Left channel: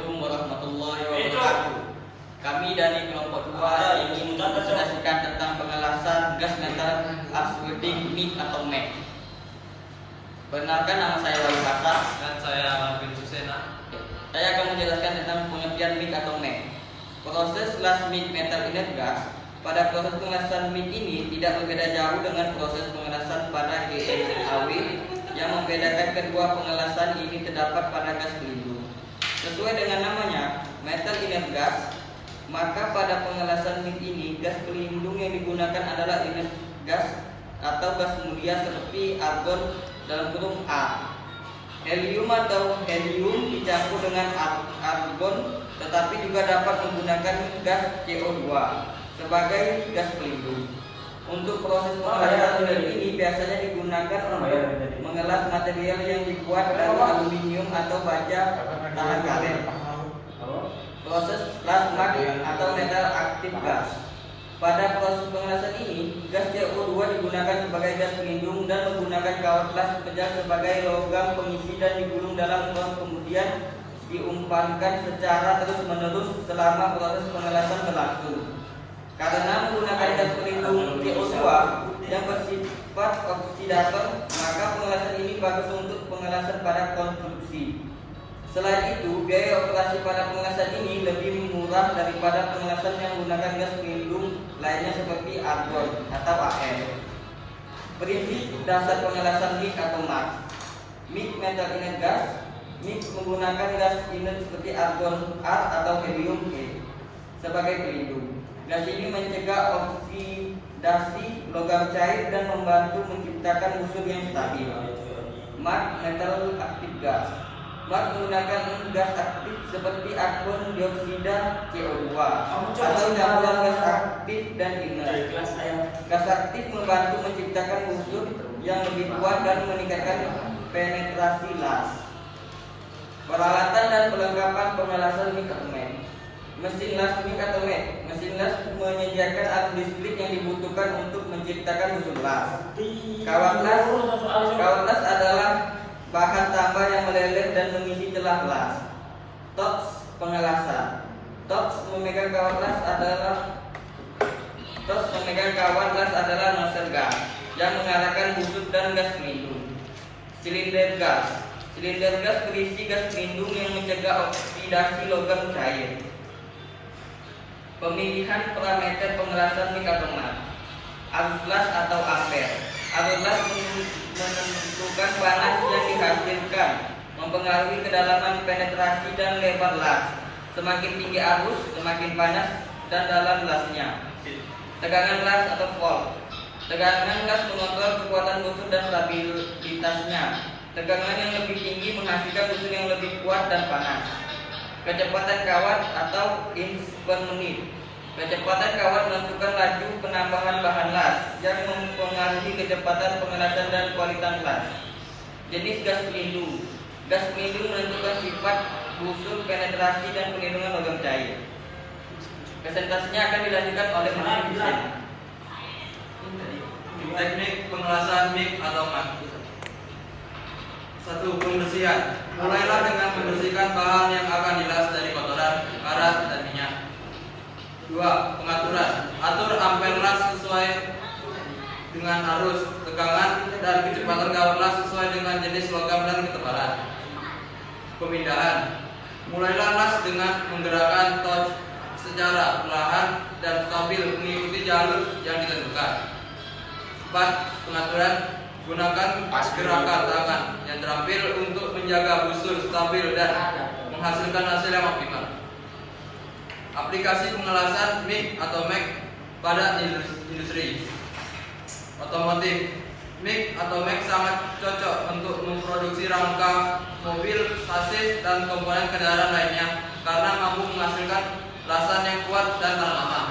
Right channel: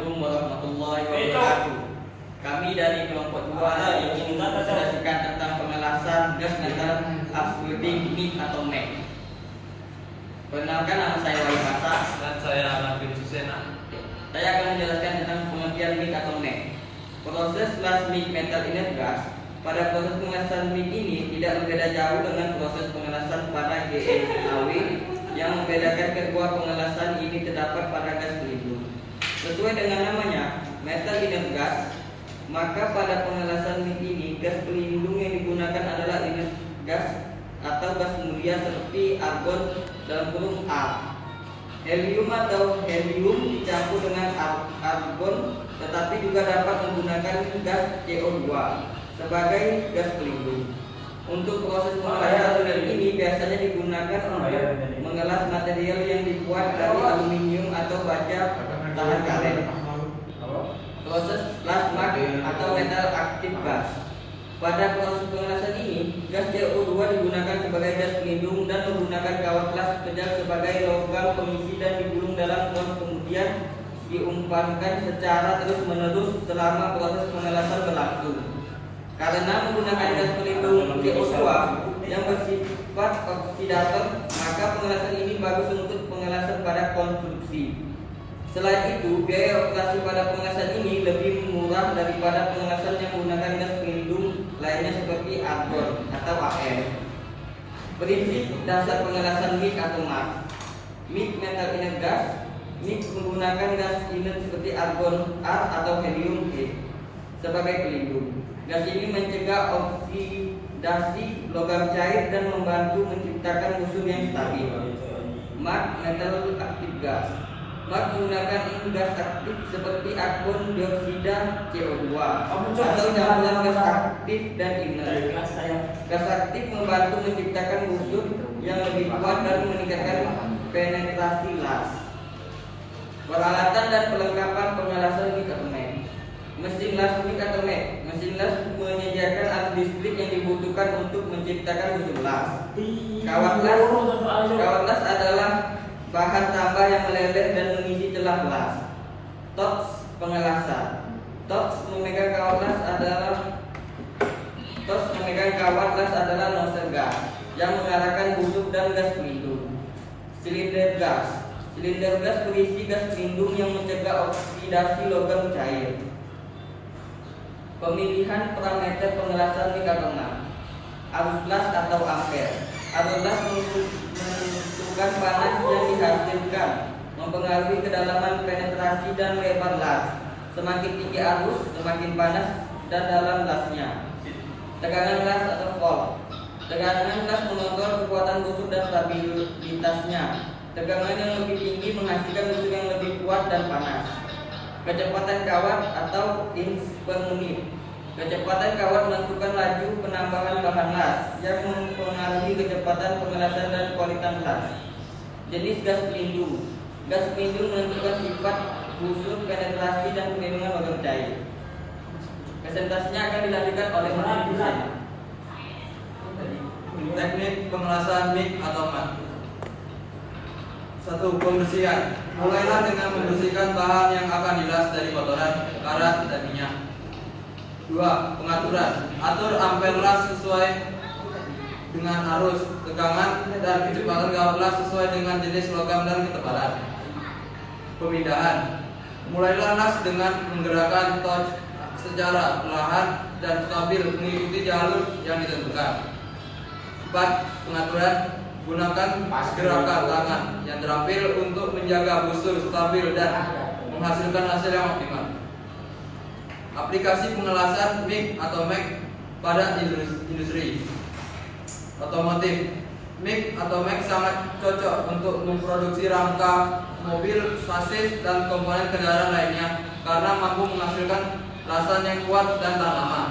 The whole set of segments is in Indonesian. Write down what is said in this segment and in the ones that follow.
Assalamualaikum warahmatullahi wabarakatuh. Kami dari kelompok 2 ingin mempresentasikan tentang pengelasan gas metan absorbing MIG atau MEG. Perkenalkan, nama saya Wahyu Kasa. Dan saya Marvin Susena. Saya akan menjelaskan tentang pengertian MIG atau MEG. Proses las MIG metal inert gas. Pada proses pengelasan MIG ini tidak berbeda jauh dengan proses pengelasan pada GLAW. Yang membedakan kedua pengelasan ini terdapat pada gas pelindung. Sesuai dengan namanya, metal inert gas, maka pada pengelasan MIG ini gas pelindung yang digunakan adalah inert gas atau gas mulia seperti argon dalam huruf A. Helium atau helium dicampur dengan argon, tetapi juga dapat menggunakan gas CO2 sebagai gas pelindung. Untuk proses pengelasan MIG ini biasanya digunakan untuk mengelas material yang dibuat dari aluminium atau baja tahan karet. Proses las MAG atau metal aktif gas. Pada proses pengelasan ini, gas CO2 digunakan sebagai gas pelindung dan menggunakan kawat las pejal sebagai logam pengisi dan digulung dalam non, kemudian diumpankan secara terus-menerus selama proses pengelasan berlangsung. Karena menggunakan gas pelindung CO2 yang bersifat oksidator, maka pengelasan ini bagus untuk pengelasan pada konstruksi. Selain itu, biaya operasi pada pengelasan ini lebih murah daripada pengelasan yang menggunakan gas pelindung lainnya seperti argon atau AR. Prinsip dasar pengelasan MIG atau MAG. MIG metal inert gas. MIG menggunakan gas inert seperti argon R atau helium E sebagai pelindung. Gas ini mencegah oksidasi logam cair dan membantu menciptakan musuh yang stabil. MAG metal aktif gas. MAG menggunakan gas aktif seperti argon dioksida CO2 atau campuran gas aktif dan inert. Gas aktif membantu menciptakan musuh yang lebih kuat dan meningkatkan penetrasi las. Peralatan dan perlengkapan pengelasan MIG atau MEG. Mesin las MIG atau MEG. Mesin las menyediakan arus listrik yang dibutuhkan untuk menciptakan musuh las. Kawat las adalah bahan tambah yang meleleh dan mengisi celah las. Toks pengelasan. Toks memegang kawat las adalah nozzle gas yang mengalahkan busuk dan gas pelindung. Silinder gas. Silinder gas berisi gas pelindung yang mencegah oksidasi logam cair. Pemilihan parameter pengelasan MIG atau MEG. Arus las atau ampere. Arus las menentukan panas yang dihasilkan, mempengaruhi kedalaman penetrasi dan lebar las. Semakin tinggi arus, semakin panas dan dalam lasnya. Tegangan las atau volt. Tegangan las mengontrol kekuatan busur dan stabilitasnya. Tegangan yang lebih tinggi menghasilkan busur yang lebih kuat dan panas. Kecepatan kawat atau inch per menit. Kecepatan kawat menentukan laju penambahan bahan las yang mempengaruhi kecepatan pengelasan dan kualitas las. Jenis gas pelindung. Gas pelindung menentukan sifat busur, penetrasi, dan perlindungan logam cair. Presentasinya akan dilanjutkan oleh Marvin Susena. Teknik pengelasan MIG atau MAG. 1. Pembersihan. Mulailah dengan membersihkan bahan yang akan dilas dari kotoran, karat, dan minyak. 2. Pengaturan. Atur ampere las sesuai dengan arus, tegangan, dan kecepatan kawat las sesuai dengan jenis logam dan ketebalan. Pemindahan. Mulailah las dengan menggerakkan touch secara perlahan dan stabil mengikuti jalur yang ditentukan. 4. Pengaturan. Gunakan gerakan tangan yang terampil untuk menjaga busur stabil dan menghasilkan hasil yang optimal. Aplikasi pengelasan MIG atau MEG pada industri otomotif. MIG atau MEG sangat cocok untuk memproduksi rangka mobil, sasis, dan komponen kendaraan lainnya karena mampu menghasilkan lasan yang kuat dan tahan lama.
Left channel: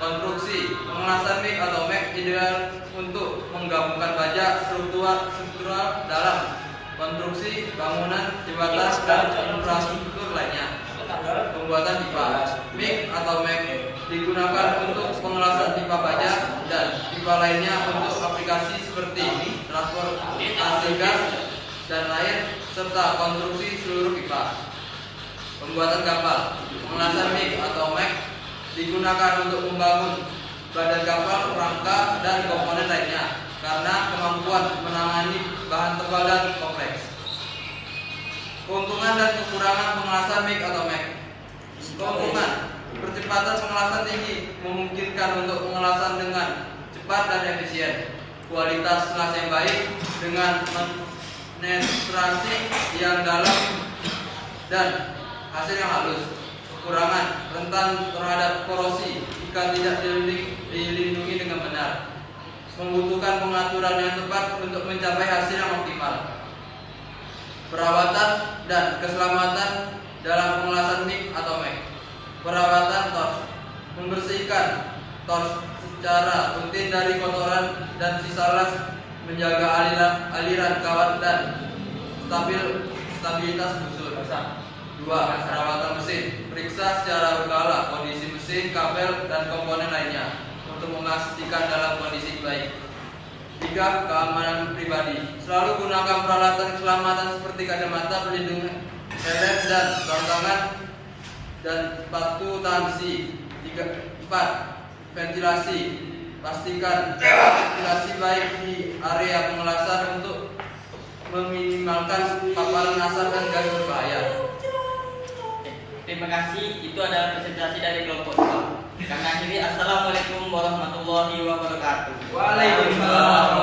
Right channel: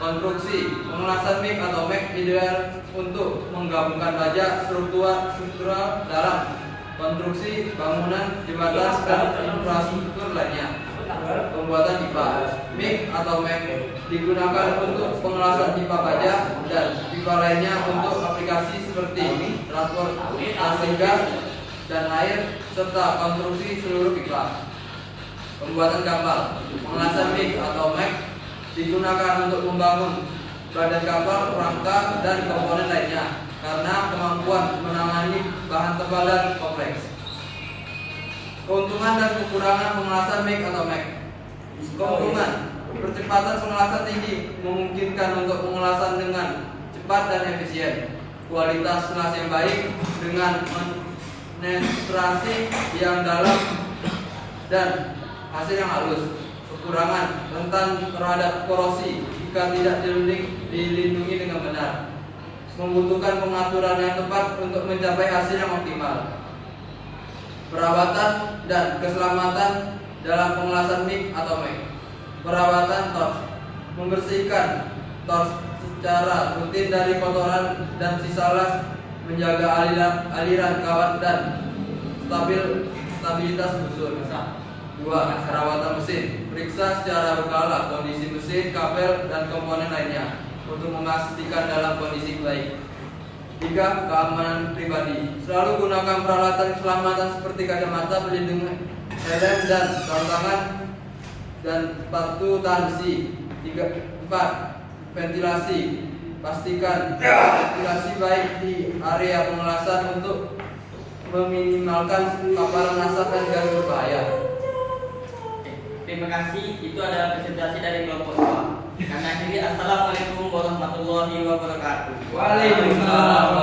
Konstruksi. Pengelasan MIG atau MEG ideal untuk menggabungkan baja struktural dalam konstruksi bangunan, jembatan, dan infrastruktur lainnya. Pembuatan pipa. MIG atau MEG digunakan untuk pengelasan pipa baja dan pipa lainnya untuk aplikasi seperti transportasi gas dan air serta konstruksi seluruh pipa. Pembuatan kapal, pengelasan MIG atau MEC digunakan untuk membangun badan kapal, rangka, dan komponen lainnya karena kemampuan menangani bahan tebal dan kompleks. Keuntungan dan kekurangan pengelasan MIG atau MEC. Keuntungan, percepatan pengelasan tinggi memungkinkan untuk pengelasan dengan cepat dan efisien. Kualitas ngelas yang baik dengan penetrasi yang dalam dan hasil yang halus. Kekurangan, rentan terhadap korosi jika tidak dilindungi dengan benar. Membutuhkan pengaturan yang tepat untuk mencapai hasil yang optimal. Perawatan dan keselamatan dalam pengelasan MIG atau MEC. Perawatan torch, membersihkan torch secara rutin dari kotoran dan sisa las, menjaga aliran kawat dan stabilitas busur. 2. Perawatan mesin, periksa secara berkala kondisi mesin, kabel, dan komponen lainnya untuk memastikan dalam kondisi baik. 3. Keamanan pribadi, selalu gunakan peralatan keselamatan seperti kacamata pelindung helm dan sarung tangan dan sepatu tahan besi. 4. Ventilasi, pastikan ventilasi baik di area pengelasan untuk meminimalkan paparan asap dan gas berbahaya. Terima kasih. Itu adalah presentasi dari kelompok 2. Kami akhiri. Assalamualaikum warahmatullahi wabarakatuh. Waalaikumsalam.